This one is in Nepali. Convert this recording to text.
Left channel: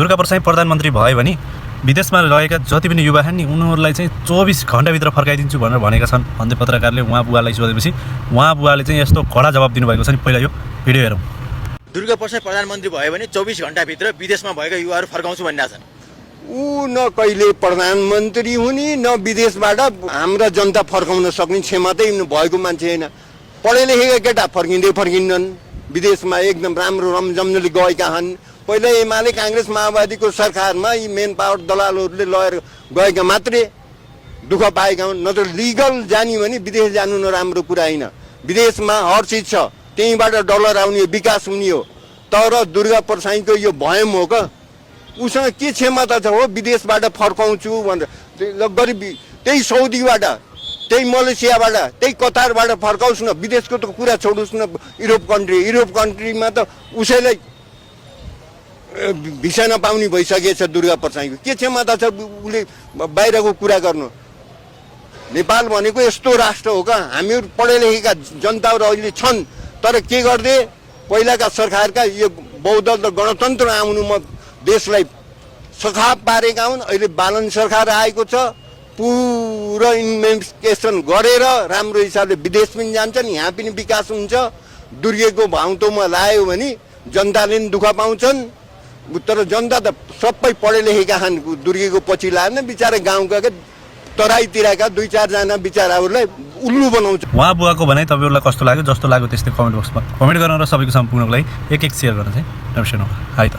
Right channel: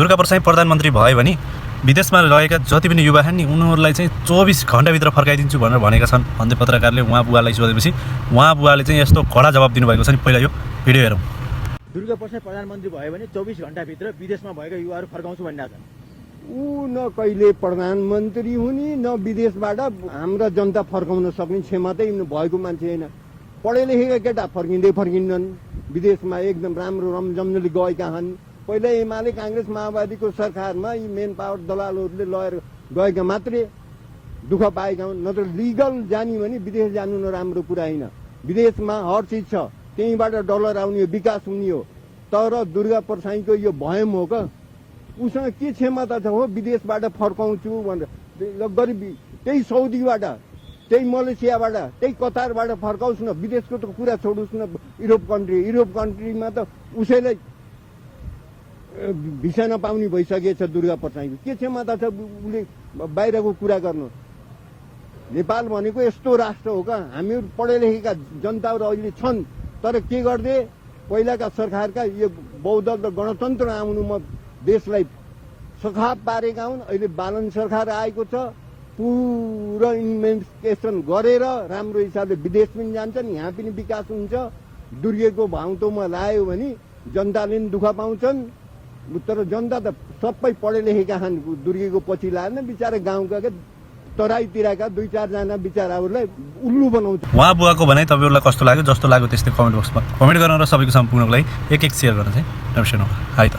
दुर्गाप्रसाद प्रधानमन्त्री भयो भने विदेशमा रहेका जति पनि युवा छन् नि उनीहरूलाई चाहिँ 24 घण्टाभित्र फर्काइदिन्छु भनेर भनेका छन् भन्दै पत्रकारले उहाँ बुवालाई सोधेपछि उहाँ बुवाले चाहिँ यस्तो कडा जवाब दिनुभएको छ नि। पहिला यो भिडियो हेरौँ। दुर्गाप्रसाद प्रधानमन्त्री भयो भने 24 घण्टाभित्र विदेशमा भएका युवाहरू फर्काउँछु भनिरहेका छन्। ऊ न कहिले प्रधानमन्त्री हुने न विदेशबाट हाम्रा जनता फर्काउन सक्ने क्षमतै भएको मान्छे होइन। पढे लेखेका केटा फर्किँदैनन् विदेशमा एकदम राम्रो रमझमले गएका छन्। पहिला एमाले काङ्ग्रेस माओवादीको सरकारमा यी मेन पावर दलालहरूले लगेर गएका मात्रै दुःख पाएका हुन्। नत्र लिगल जाने भने विदेश जानु नराम्रो कुरा होइन। विदेशमा हर चिज छ, त्यहीँबाट डलर आउने विकास हुने हो। तर दुर्गाप्रसादको यो भयम हो क्या, उसँग के क्षमता छ हो विदेशबाट फर्काउँछु भनेर। गरिब त्यही सौदीबाट, त्यही मलेसियाबाट, त्यही कतारबाट फर्काउँछु न, विदेशको त कुरा छोड्नुहोस् न। युरोप कन्ट्रीमा त उसैलाई भिसा नपाउने भइसकेछ दुर्गाप्रसादको। के क्षमता छ उसले बाहिरको कुरा गर्नु? नेपाल भनेको यस्तो राष्ट्र हो क्या, हामीहरू पढे लेखेका जनताहरू अहिले छन्, तर के गर्दै पहिलाका सरकारका यो बहुदल र गणतन्त्र आउनुमा देशलाई सखाप पारेका हुन्। अहिले बालन सरकार आएको छ, पुरा इन्भेस्टिगेसन गरेर राम्रो हिसाबले विदेश पनि जान्छन्, यहाँ पनि विकास हुन्छ। दुर्गेको भाउतोमा लायो भने जनताले पनि दुःख पाउँछन्। तर जनता त सबै पढे लेखेका छन्, दुर्गेको पछि लाएन बिचारा गाउँका तराईतिरका 2-4 जना बिचाराहरूलाई उल्लु बनाउँछ। उहाँ बुवाको भनाइ तपाईँहरूलाई कस्तो लाग्यो? जस्तो लाग्यो त्यस्तै कमेन्ट बक्समा कमेन्ट गर्न र सबैको सम्पूर्णको लागि एक सेयर गर्न चाहिँ नबिर्सनु। हाई त।